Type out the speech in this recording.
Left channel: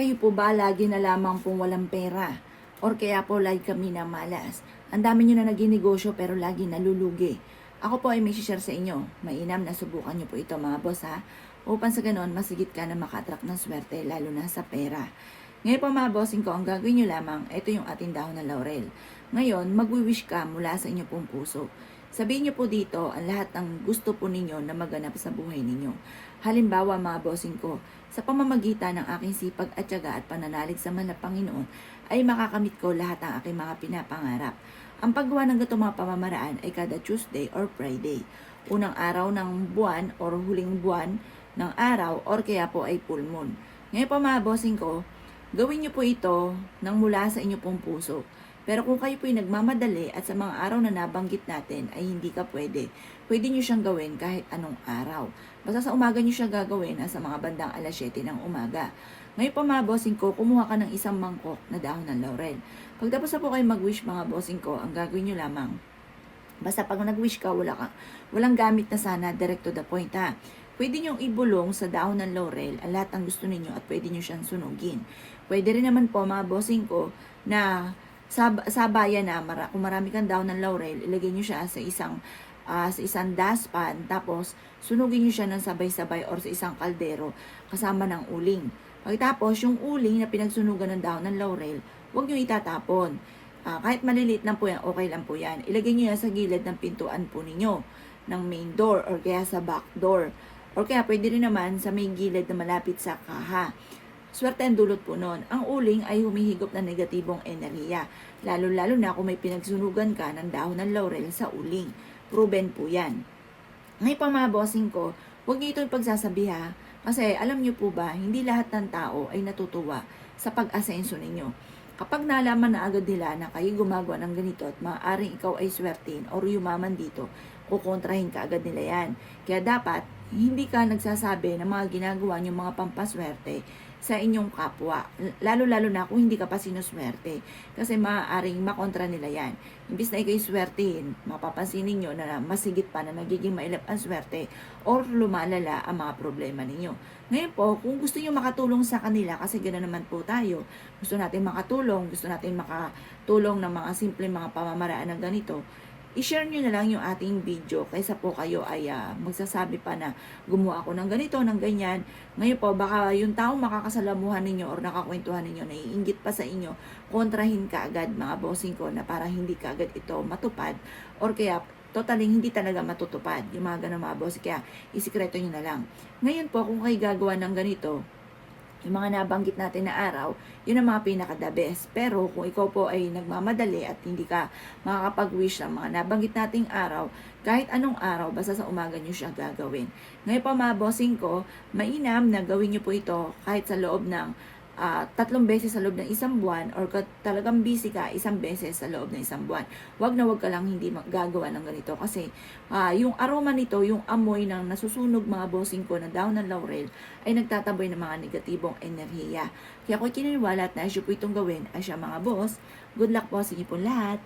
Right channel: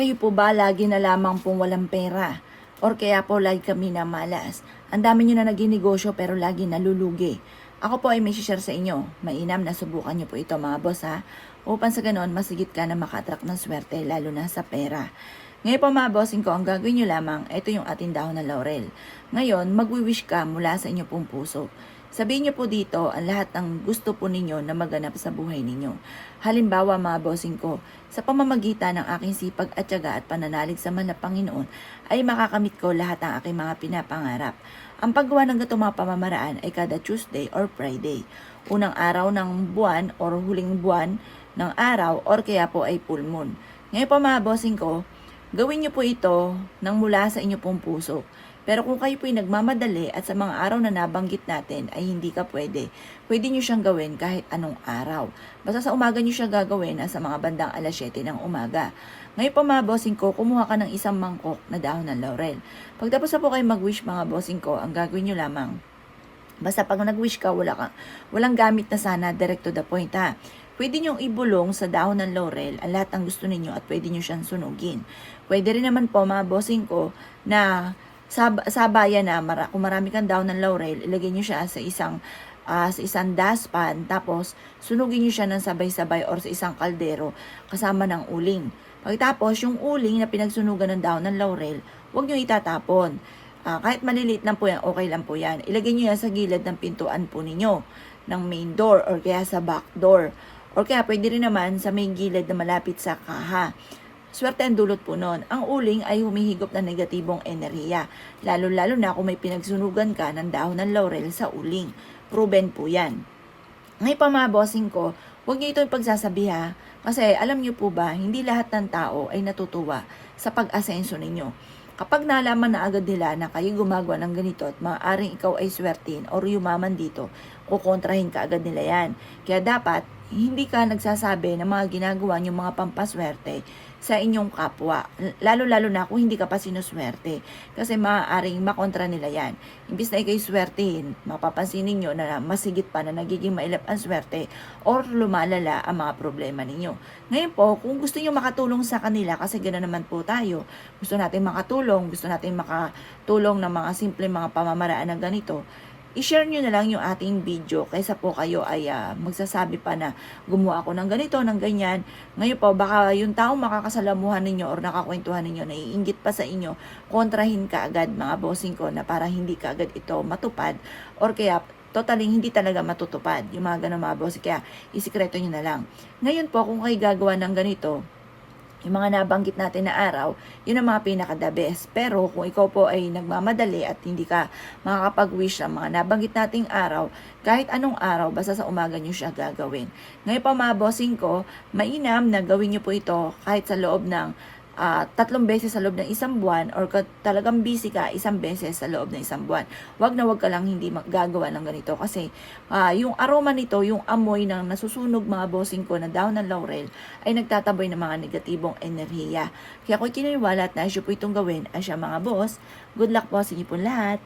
Kayo po ba lagi na lamang pong walang pera? Or kaya po lagi kami na malas? Ang dami nyo na naging negosyo pero lagi nalulugi. Ako po ay may share sa inyo. Mainam na subukan nyo po ito mga boss ha. Upang sa ganon, masigit ka na makatrack ng swerte lalo na sa pera. Ngayon po mga bossing ko, ang gagawin nyo lamang, ito yung ating dahon ng laurel. Ngayon, magwi-wish ka mula sa inyo pong puso. Sabihin nyo po dito ang lahat ng gusto po ninyo na maganap sa buhay ninyo. Halimbawa mga bossing ko, sa pamamagitan ng aking sipag at tiyaga at pananalig sa mahal na Panginoon, ay makakamit ko lahat ng aking mga pinapangarap. Ang paggawa ng ganitong mga pamamaraan ay kada Tuesday or Friday. Unang araw ng buwan or huling buwan ng araw or kaya po ay full moon. Ngayon po mga bossing ko, gawin nyo po ito nang mula sa inyo pong puso. Pero kung kayo po'y nagmamadali at sa mga araw na nabanggit natin ay hindi ka pwede nyo siyang gawin kahit anong araw. Basta sa umaga nyo siya gagawin sa mga bandang alas 7 ng umaga. Ngayon po mga bossing ko, kumuha ka ng isang mangkok na dahon ng laurel. Pagtapos na po kayo mag-wish mga bossing ko, ang gagawin nyo lamang. Basta pag nag-wish ka, walang gamit na sana, direct to the point ha. Pwede nyo ibulong sa dahon ng laurel ang lahat ng gusto ninyo at pwede nyo siyang sunugin. Pwede rin naman po mga bossing ko na sa bayan na kung marami kang dahon ng laurel, ilagay nyo siya sa isang dustpan, tapos sunugin nyo siya ng sabay-sabay or sa isang kaldero kasama ng uling. Pagkatapos, yung uling na pinagsunugan ng dahon ng laurel, huwag nyo itatapon. Kahit maliliit lang po yan, okay lang po yan. Ilagay nyo yan sa gilid ng pintuan po ninyo, ng main door or kaya sa back door. Or kaya pwede rin naman sa main gilid na malapit sa kaha. Swerte ang dulot po nun. Ang uling ay humihigop ng negatibong enerhiya. Lalo-lalo na kung may pinagsunugan ka ng dahon ng laurel sa uling. Proven po yan. Ngayon pa mga bossing ko, huwag niyo ito ipagsasabi ha. Kasi alam niyo po ba, hindi lahat ng tao ay natutuwa sa pag-asenso ninyo. Kapag nalaman na agad nila na kayo gumagawa ng ganito at maaaring ikaw ay swertin or yumaman dito, kukontrahin ka agad nila yan. Kaya dapat, hindi ka nagsasabi ng mga ginagawa niyong mga pampaswerte sa inyong kapwa. Lalo-lalo na kung hindi ka pa sinuswerte. Kasi maaaring makontra nila yan. Imbis na ikay swertehin, mapapansin ninyo na masigit pa na nagiging mailap ang swerte or lumalala ang mga problema ninyo. Ngayon po, kung gusto nyo makatulong sa kanila, kasi gano'n naman po tayo, gusto natin makatulong ng mga simple mga pamamaraan na ganito, i-share nyo na lang yung ating video kaysa po kayo ay magsasabi pa na gumawa ako ng ganito, ng ganyan. Ngayon po, baka yung tao makakasalamuhan ninyo or nakakwentuhan ninyo, naiinggit pa sa inyo, kontrahin ka agad mga bossing ko na para hindi ka agad ito matupad or kaya totally hindi talaga matutupad yung mga ganun mga bossing. Kaya isikreto nyo na lang. Ngayon po, kung kayo gagawa ng ganito, yung mga nabanggit natin na araw, yun ang mga pinaka-the best. Pero kung ikaw po ay nagmamadali at hindi ka makakapag-wish sa mga nabanggit nating araw, kahit anong araw, basta sa umaga nyo siya gagawin. Ngayon pa mga bossing ko, mainam na gawin nyo po ito kahit sa loob ng 3 beses sa loob ng isang buwan or talagang busy ka 1 beses sa loob ng isang buwan. Wag ka lang hindi gagawa ng ganito kasi yung aroma nito, yung amoy ng nasusunog mga bossing ko na dahon ng laurel ay nagtataboy ng mga negatibong enerhiya. Kaya kung kininiwala at naisyo po itong gawin ay siya mga boss, good luck po sa inyo po lahat.